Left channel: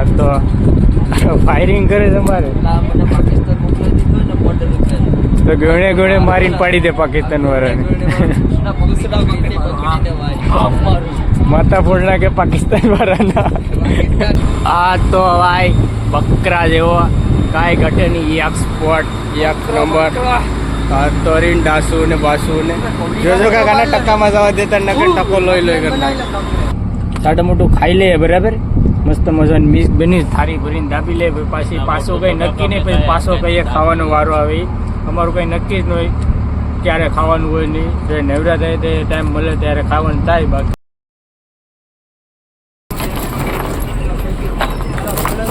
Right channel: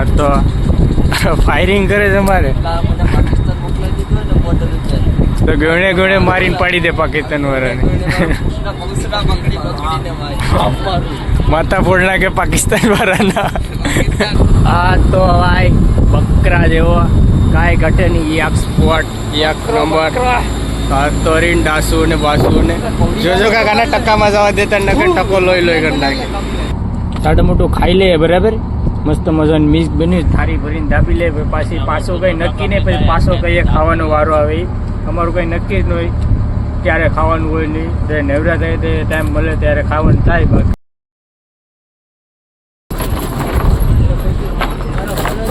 હા તો ફાયરિંગ કરે છે મારે તો ગણે ગણે મારીને પાડી દે પાકિસ્તાન વાળાને માથા ફોડ નાખે પાકિસ્તાન વાળાના આ તો ભાઈ બકરા જેવો કાંઈ ઘટે નહીં એક સ્પોટ એક નંબર તોરીને ડાસુ ને બાસુ ને જોજો કાકાના ટક્કામાં જવા દેતા નકર ટકો લોહી લોહી કરી નાખે તાટું મોટું ખાઈ લે બરાબર મસ્ત મજાની મિક્સ બની થારી ભરીને દાબી લે પાછી પાછો કંઈ નક્કી નહીં પછી પાછો કહીએ ખાવાનો વારો આવે અમારું કંઈ નક્કી જ ન હોય ક્યારે ખાવાનું હોય નહીં જ્યારે નવરા થાય તે ટાઈમ મળે ત્યારે ખાવાનું થાય બાકી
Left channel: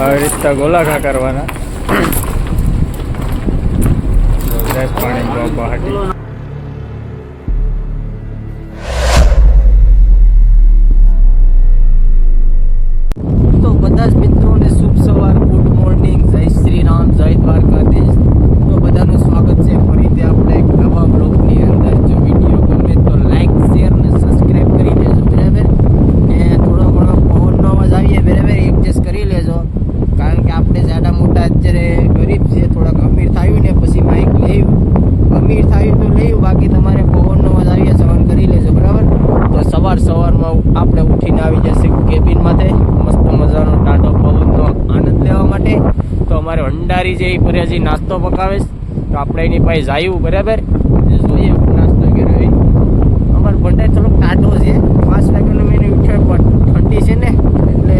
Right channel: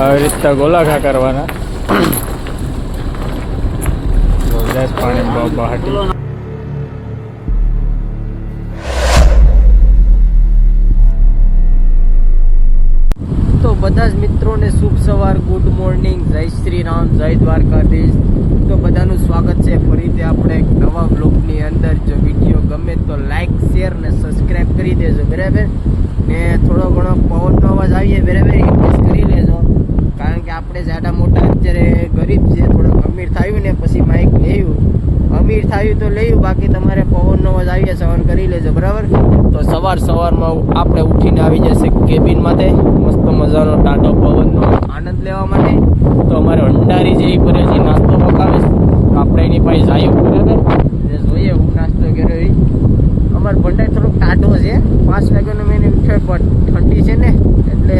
આવી રીતના ગોલાખા કરવાના પાણી બહાટી તો બધા જ મિત્રોને શુભ સવાર ગુડ મોર્નિંગ જય શ્રી રામ જય દ્વારકાધીશ તો બધાનું સ્વાગત છે ફરીથી આપણે એક નવા બ્લોગની અંદર જો વિડીયો ગમે તો લાઈક શેર ને સબસ્ક્રાઈબ કરી દેજો બરાબર ને થોડો ઘણો પવનનો અવાજ આવીએ બરાબર એડજસ્ટ કરી લેજો કારણ કે આપણે જાડા મોટા અત્યારે ગરીબ છીએ થોડાક અમીર થયું ને પછી બાઇક લેવું અમીર થયું તો લેવું બાકી તમારે પવનનો અવાજ આવીએ સહન કરી લેજો બરાબર તો સવારમાં આપણે ઉઠીને આવી જશે કેબિનમાંથી મસ્ત મજાનો ટાટો પવનનો આનંદ લેવા માટે તો અમારે ભંડારી જે પર્યાજી નાસ્તો પકાવે તો આપણે એની પાસે જાયું બરાબર જોઈએ નાસ્તો કર્યો અમારો ભંડારી થોડોક ટાટો છે 5 વાગ્યાનો મેં ઉઠ્યો પણ ઠંડી છે ને એટલે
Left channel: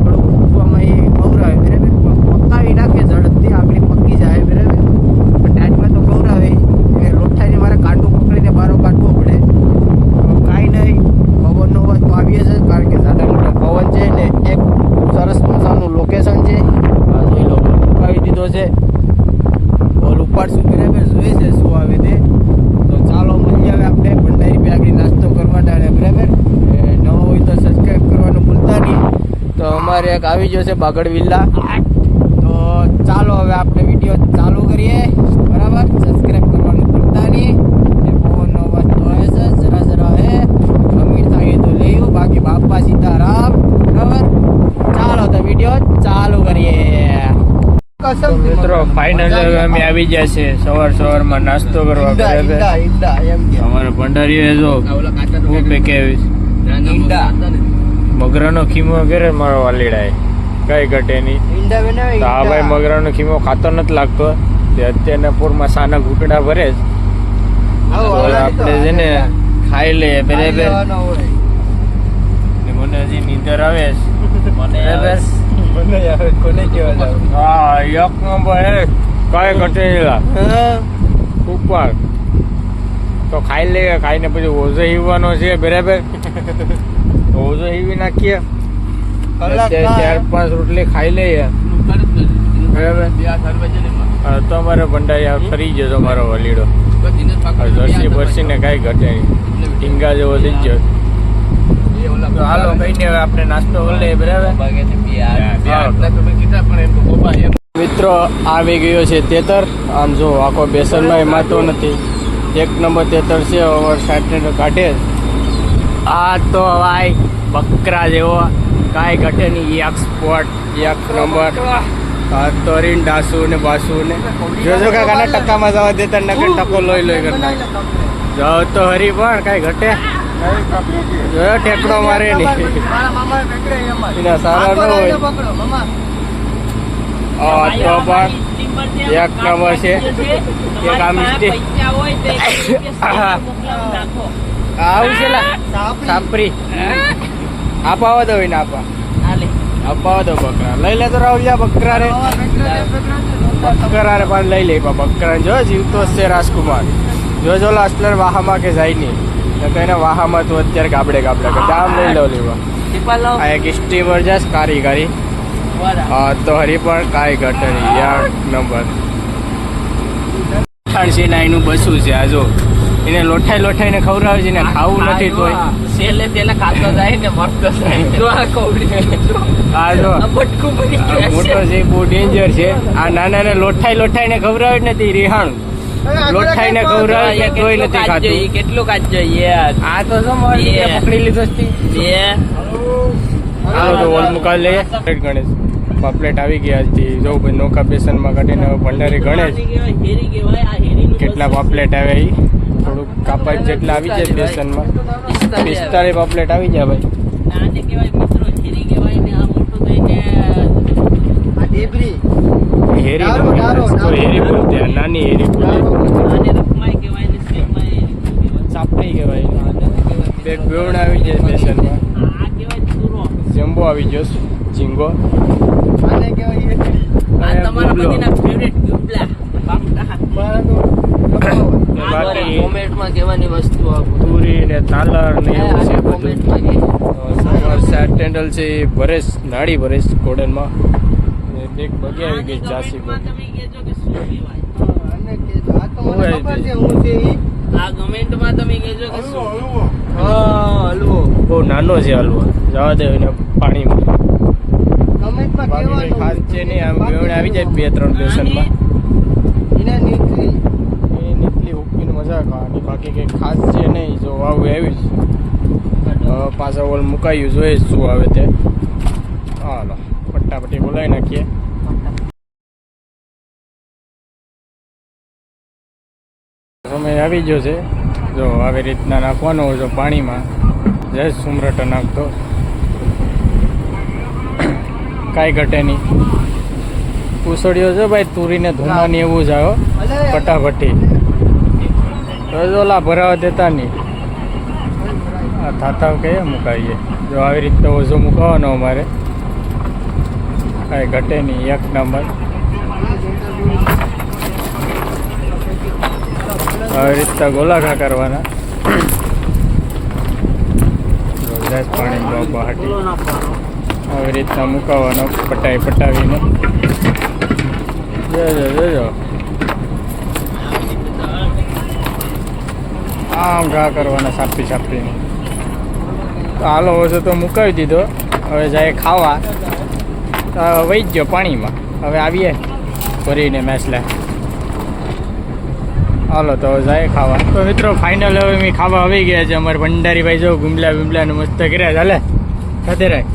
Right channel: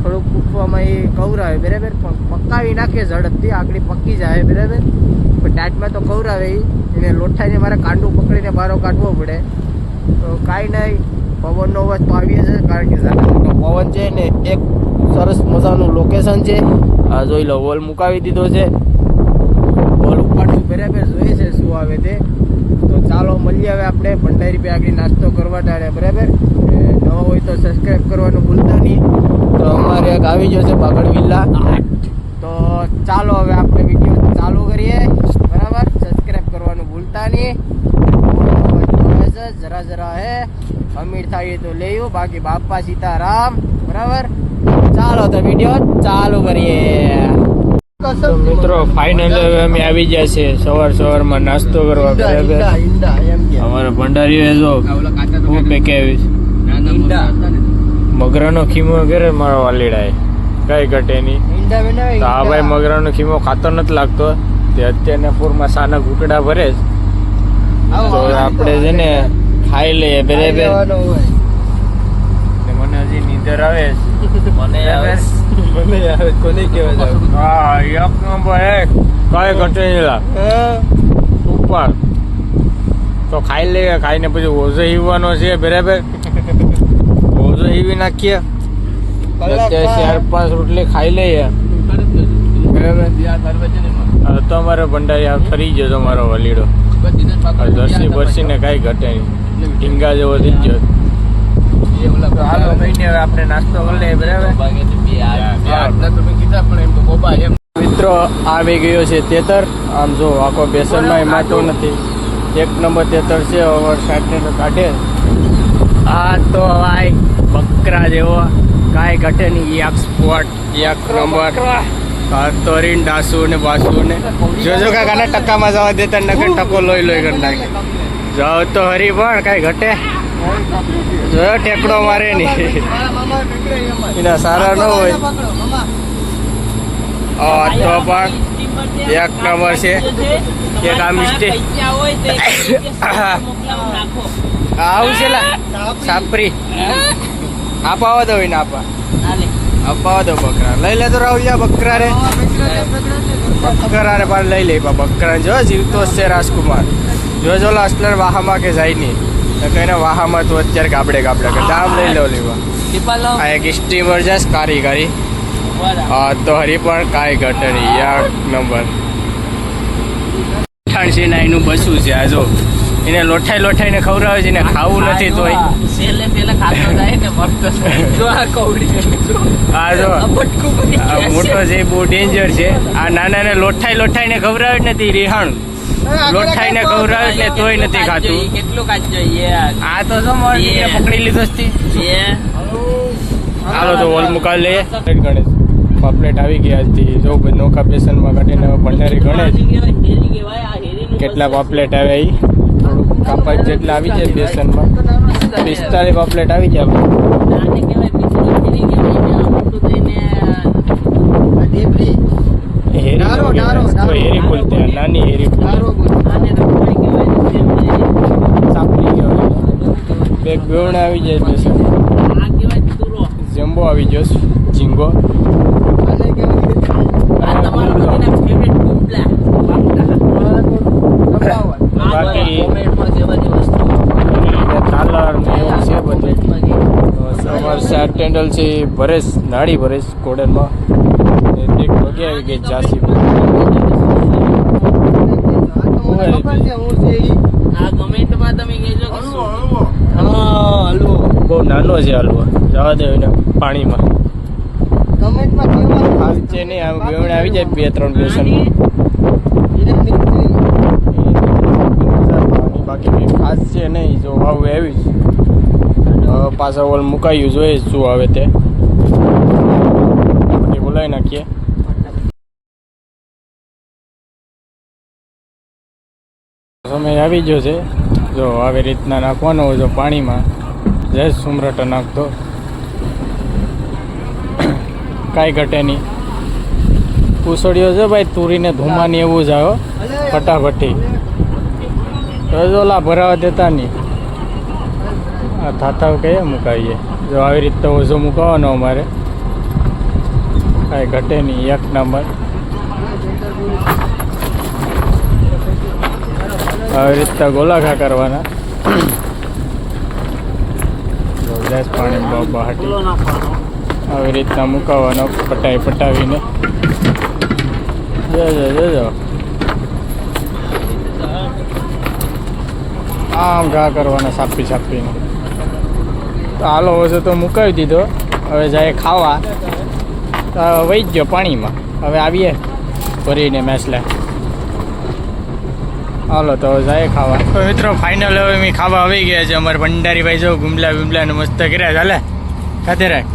થોડુંક ઉઠવામાં એ કવરાવે બરાબર પણ પકાવી નાખે ઝડપથી આગળ પકી જાય બરાબર પણ ટાટમાં તો કવરાવે એને લોઠાઈને મારે કાંડું પકડીને બારો કાઢવો પડે તો કાંઈ નહીં પવનનો અવાજ તો આવીએ છે કારણ કે જાતા મોટો પવન છે ને એક સરસ મજાનું લોકેશન છે આ જોઈ લો હોલ મુકાવી દીધો છે હોલ ઉપાડશું બરાબર જોઈએ છે શું આવે તે તો ચાલો મળીએ હવે આપણે ભંડારી પે આગળ નાસ્તો કરવા ટાળે બરાબર નવો હોય તો સબસ્ક્રાઈબ કરવાનું ભૂલતા નહીં તો અમારે એક આવી ગયો છે બાગડ વિલ્લા તો ચાલો હવે આપણે વિડીયો ચાલુ કરીએ બરાબર સબસ્ક્રાઈબ કરવાનું ભૂલતા નહીં જરા હે અમીર થાય તો લેવું બાકી બાપા સીતારામ બરાબર ચાલો તો વિડીયો ચાલુ કરીએ તો મિત્રો ફાઇનલી હવે અમે આવી ગયા છે સવારમાં નાસ્તો કરવા બરાબર અમારે ભંડારીઓ જો હું પેકે આવીશ મગરાનો ખીમો ઘરે મારો વાલીડાય કઈ ઘટે નહીં તો આ ભાઈ મગરાનો ખીમો ખાતો નથી લાગતો તે અત્યારના પૂરમાં સાના ઘૂંટડા ભરે તો આપણે છે ને ખાઈ લઈએ બરાબર મને હજી નીંદર આવે હા એક નંબર કઈ ઘટે નહીં ઉપર તો ખાઈ લઈએ ખાઈને પછી ઓઝો હીવવાનો છે બરાબર ઓઝો હીવી નાખીએ અત્યારે 4-5 રોટલી ખાઈ લઈએ બરાબર તો અમારે ભંડારી ફરી જજો મારો વલીડો જર્સી બરસી ને કઈ ઘટે નહીં ટીંગા જેવો થઈ ગયો તો હાલો કહીને હવે આપણે નાસ્તો કરી લઈએ બરાબર મિત્રો આવી ગયો છે તેતર આમ જો આખો બેસનમાં એમાતો નથી એક નંબર તેતર છે ઓવર 60 કાઢે આ તો ભાઈ બકરા જેવો કાંઈ ઘટે નહીં એક સ્પોટ એક નંબર તોરીને ડાસુ ને બાસુ ને જોજો કાકાના ટક્કામાં જવા દેતા નકર ટકો લોહી લોહી કરી નાખે જાઓ તો હરી પણ કાંઈ ઘટે જોયો ટેકડો મારે નહીં એના સારા ન હોય તો પણ એક નંબર છે એક આ મિસ્ટેક આવું છે સાપરી આપાવા દો ને અપાવા દો બકરા લઈ લે તો રાહુલિયા બકરા રે પણ લઈ લે બકરા જો જીવતો છે રાજકુમાર જો અસલર વાહામાં કે જાય નહીં તો કઈને વાહામાં તું અત્યારે ગાબડે કે દામ લઈ લો લેવા આ એક સ્ટીમર જશ કારી તો હરી પણ કાંઈ ઘટે નહીં એક નંબર 88 એનું બસું છે આ જો એને લોઠાઈને ખવડાવે છે ને ખાવું નથી તોય મોટો છે બહુ ડેન્જર છે આ નાનાને લોઠાઈને ખવડાવે જ નથી રેહાણું લોઠાઈને ખવડાવે ને તોય નથી ખાતું કેટલું ખાતું આ તો શું પકડી લીધો હાલો તો ઓલ મુકાવી લઈએ. ગણેશ પાપલેટ આવી ગયા આજથી જો નોકા પેશનમાં કાઢીને ભંડારી ગણેશ કેટલા પાપલેટ આવ્યા એ થોડુંક કાપાક જેટલા આવી જાય બેસનમાં 45 પાપલેટ આવી ગયા ભાઈ. હેરી નો કહેવાય તો હેરી બોલતે નાની હેરી બોલે સાપરી કહેવાય. પેટ બેવણ આવી જાય બેસનમાં. જમ્બો આવી ગયો ઝીંગો બાકી પૂરી ને તાલર ને એવું છે બધું. સવાર સાત ટેન્ડલ છે ભરેશ નાડી ભરેશ કોડનમાં એક બગે આવી ગઈ જાસી બહુ નાનો છે હલવા જવા દે એને પાણીમાં ખાસ છે નહીં આમ બેવણ આવી જાય 2-3 બેસનમાં બાકી કંઈ ખાસ છે નહીં જો વાવ આવી પાછા ઓલ મુકાયું જોઈએ શું આવે તે ફટાફટી બોલાવી નાખીએ. સમય આવી ગયો છે જો આવી રીતના નાખવાનો હોય જો પાણીમાં જય સુમરટ નાખતો કાંઈ ઘટે નહીં. પૂસડીઓ છે ભાઈ તુરીને ધુમાની એવું જ આવ્યો ફટાફટી ઓલા ભરાવા દેતા નહીં. આ થાતા કહીએ મુકાવીએ જો આવી રીતે ઓઝો મુકાવાનો અમારે કાંઈ ઘટે નહીં એક નંબર. આવી રીતના ગોલાખા કરવાના પાણી બહાટી આવી રીતના મુકાવાનો પટાવીને જોજો આમ ઘા કરવાના સાપીને. તો હાલો હશે તો મુકાવી દીધો હવે જાય ખાવા તો વહી જ ગયો પાણીમાં. હવે આવીએ ભરીને મેસલે હાલો તો જાય ખાવા. તો મિત્રો ફાઇનલ હવે મેં ખાવા આવી ગયા છે. અમારે ભંડારી ભાઈ જો ગુમલા ને મસ્ત કર્યા ચાલે ખાતે રાખ.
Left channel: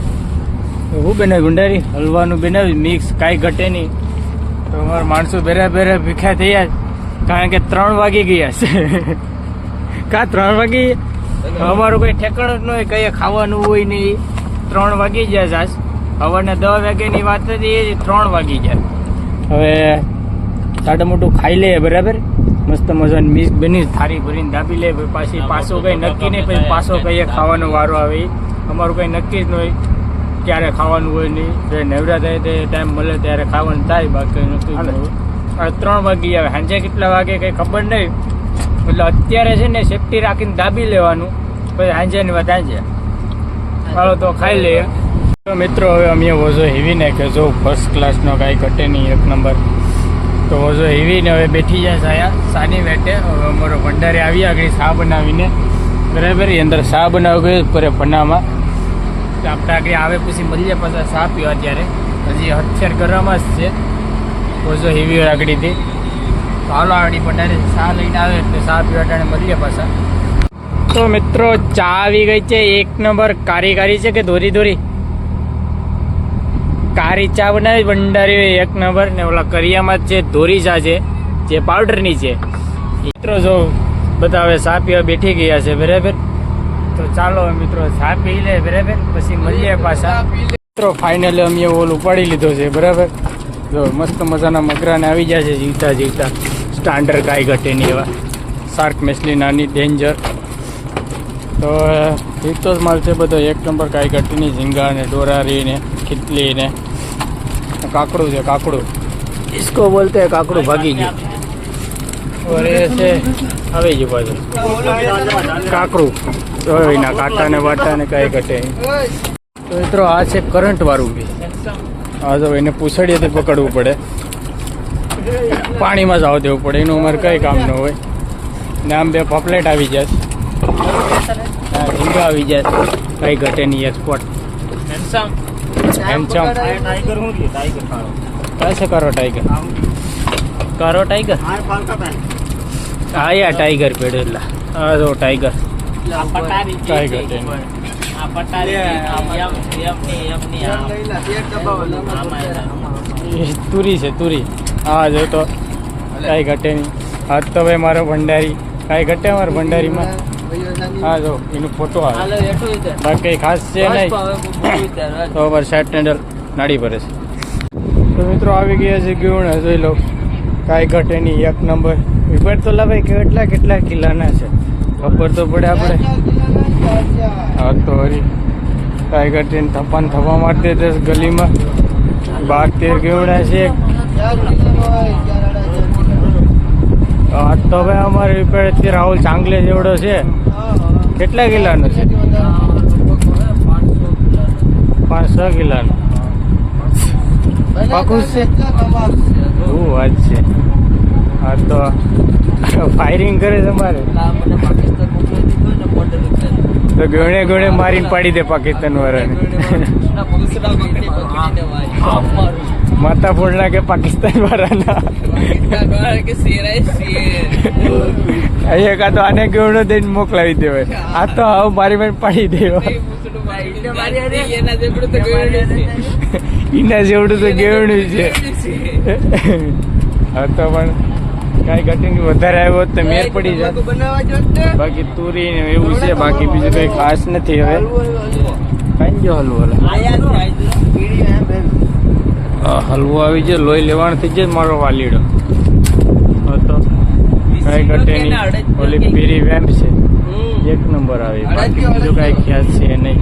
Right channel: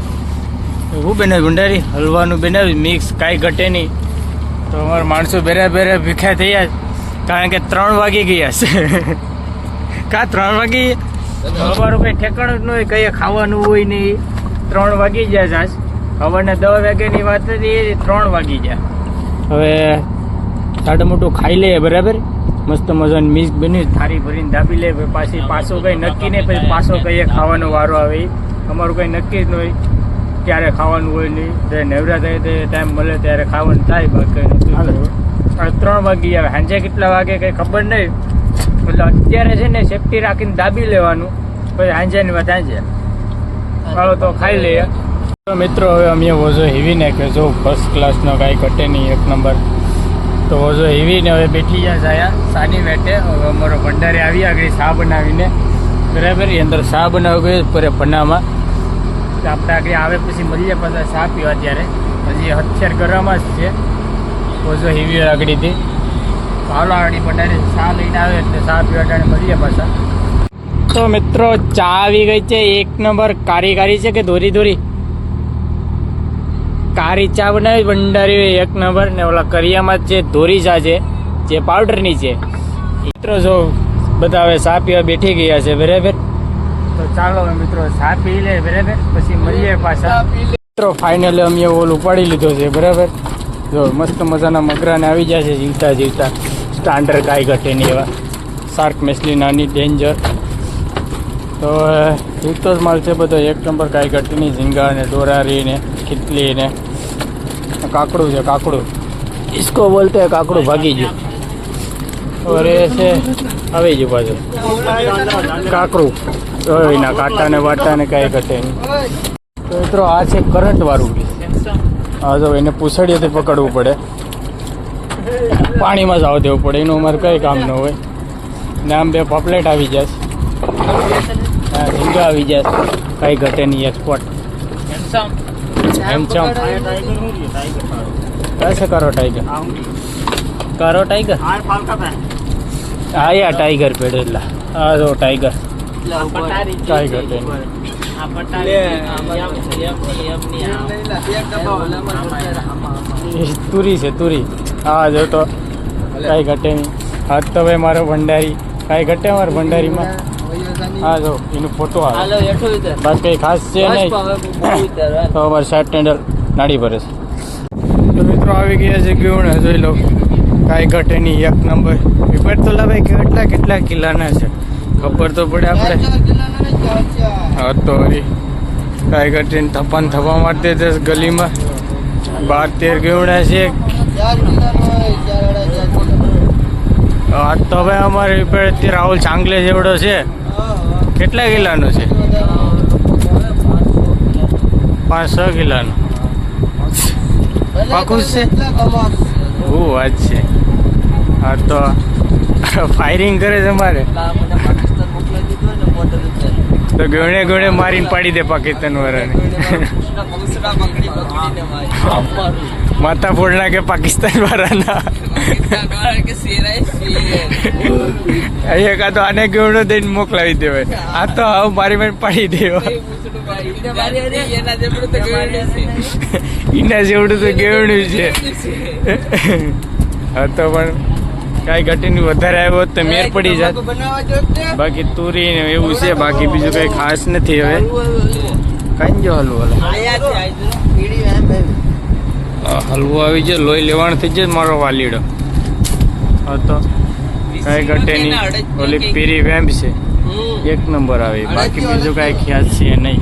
હું બનાવ્યું ભંડારી હલવાનું બનાવ્યું મિક્સ કાંઈ ઘટે નહીં. તો અમારા માણસો બેરે ભીખ્યા થયા કારણ કે 3 વાગી ગયા છે. કા 3 વાગી અમારું કંઈ ઠેકાણું જ ન હોય કંઈ ખાવાનું હોય નહીં. 3 વાગી ગયા છે આજ સવારના 10 વાગ્યાની વાત હતી 3 વાગી ગયા. હવે સાડા મોટું ખાઈ લે બરાબર મસ્ત મજાની મિક્સ બની થાળી ભરીને દાબી લે પાછી પાછો કંઈ નક્કી નહીં પછી પાછો કહીએ ખાવાનો વારો આવે અમારું કંઈ નક્કી જ ન હોય ક્યારે ખાવાનું હોય નહીં. નવરા થાય તે ટાઈમ મળે ત્યારે ખાવાનું થાય બાકી નક્કી 3 વાગી આવે સાંજે કેટલા વાગે કંઈ ખબર નહીં એટલે અત્યારે છે ને સેફટી રાખીને દાબી લેવાનું પછી સાંજેની વાત સાંજે ચાલો તો ખાઈ લઈએ. તો મિત્રો હવે અમે વોઝો હેવી નાખ્યો જો ફર્સ્ટ ક્લાસનો કાંઈ ઘટે નહીં એક નંબર. તો વોઝો હેવીને હવે બેઠી જાય આયા સાની વેટે. હવે અમારો ભંડારી આવી આગળ શા બનાવીને બરાબર એ અંદર શા બનાવી ગયો પર પન્નામાં આપણે આગળ આવે પછી મળીએ પાછા શા પીવા ત્યારે હજી હથિયાર કરવામાં જ છે વોઝો હેવી આગળથી. હાલો આગળ ભંડારી શા લઈને આવે એટલે શા પીવા ટાણે મળીએ પાછા. તો મિત્રો ચા આવી ગઈ છે એક નંબર. કારી છે કે દોરી કારી ચા બનાવી ભંડારી એક નંબર. ને ઓલા કરિયામાં છે દોરી ચા છે જે પાવડરની છે. મિત્રો જો બધા હવે ચા પીવા બેઠી ગયા છે બરાબર. તો ચાલો મિત્રો ચા પી લે બરાબર પછી મળીએ પાછા. મિત્રો ફાઇનલી અમે ઓલ ઉપાડી લીધો છે બરાબર. જો મસ્ત મજાના મગરાને આવી જાય છે જીવતા સ્ટાન્ડર્ડ કાંઈ ઘટે નહીં એવા શાર્ક મેસલી નાની ડેન્જર. તો જીવતો જ માલ છે બધો એક નંબર કાંઈ ઘટે નહીં. ઝીંગા ને ડોરારી ને ખીતલી ને કાકડું છે કાકડું इसको बोलते हैं કાકડું ભાગી ગયું. और એ છે આવી ગયું પાછું કાકડું એના કાંટા ને વાટા ને કાંઈ ઘટે નહીં. તો મિત્રો આ છે કરંટ વાળું બી. હા જો એને પૂછડીએ તો પકડવું પડે પાણીમાં જ આવવા દેવું પડે એનું અમારે કંઈ કામ ન હોય. ને આમ 2 પાપલેટ આવી જાય ઝીંગા આવી જાય કાંઈ ઘટે નહીં એક્સપોર્ટ હેમચમ कैसे करो टाइगर हाँ या टाइगर पेड़ आ दो टाइगर टाइगर આ પટારી તુરી છે તુરી. હા જો તો કાંઈ ઘટે નહીં. હાથ તો ભાઈ મારો ભંડારી કાંઈ ઘટે મારો ભંડારીમાં. હા જો એનો ફોટો આવે. બાકી કંઈ ખાસ છે નહીં. તો અમારે શર્ટ હેન્ડલ નાડી ભરે છે. તો મિત્રો આવી ગયા છે ગયુણા જોઈ લો. કાંઈ ઘટે નહીં, એક નંબર. વિપર તો લાભાઈ કેટલા કેટલા કિલ્લાના છે ખબર તો પડે આપણે. હા તો વળી કાંઈ ઘટે નહીં. થપ્પા થપ્પા મારते थे ગલીમાં. 12-13 ગયુણા છે. આ તો ભાઈ અમારે વિપર રાહુલ ચાંગલે જેવડો છે. કેટલા કિલ્લાનો છે? 5-6 કિલ્લાનો. પાકું છે. ઓ વાત છે. હા તો ફાયરિંગ કરે છે મારે તો ગણે ગણે મારીને પાડી દે પાકિસ્તાન વાળાને. માથા ફોડ નાખે પાકિસ્તાન વાળાના. અહીંયા કા તો આને ગેવડો દઈને મોકલાવી દેવાય. આ તો હાવ મારી મારી પાડી દેવા. એના જેવડું તો ગેવડું છે. હા તો પણ કાંઈ ઘટીને વધારે આવ્યો તો મેર પડી જાત. બાકી તુરી ને એવું છે. બાકી બીજું કંઈ ખાસ નથી. હવે કાંઈ જો હલવો હલવો આવી જાય. લોહી લેવાનું થઈ જાય મારો વાલીડો. હા તો કાંઈ ઘટે નહીં. ઓલી પીરી વેમ્પ છે એક નંબર આવી. બાકી બીજું કાંઈ ખ્યાલ છે નહીં.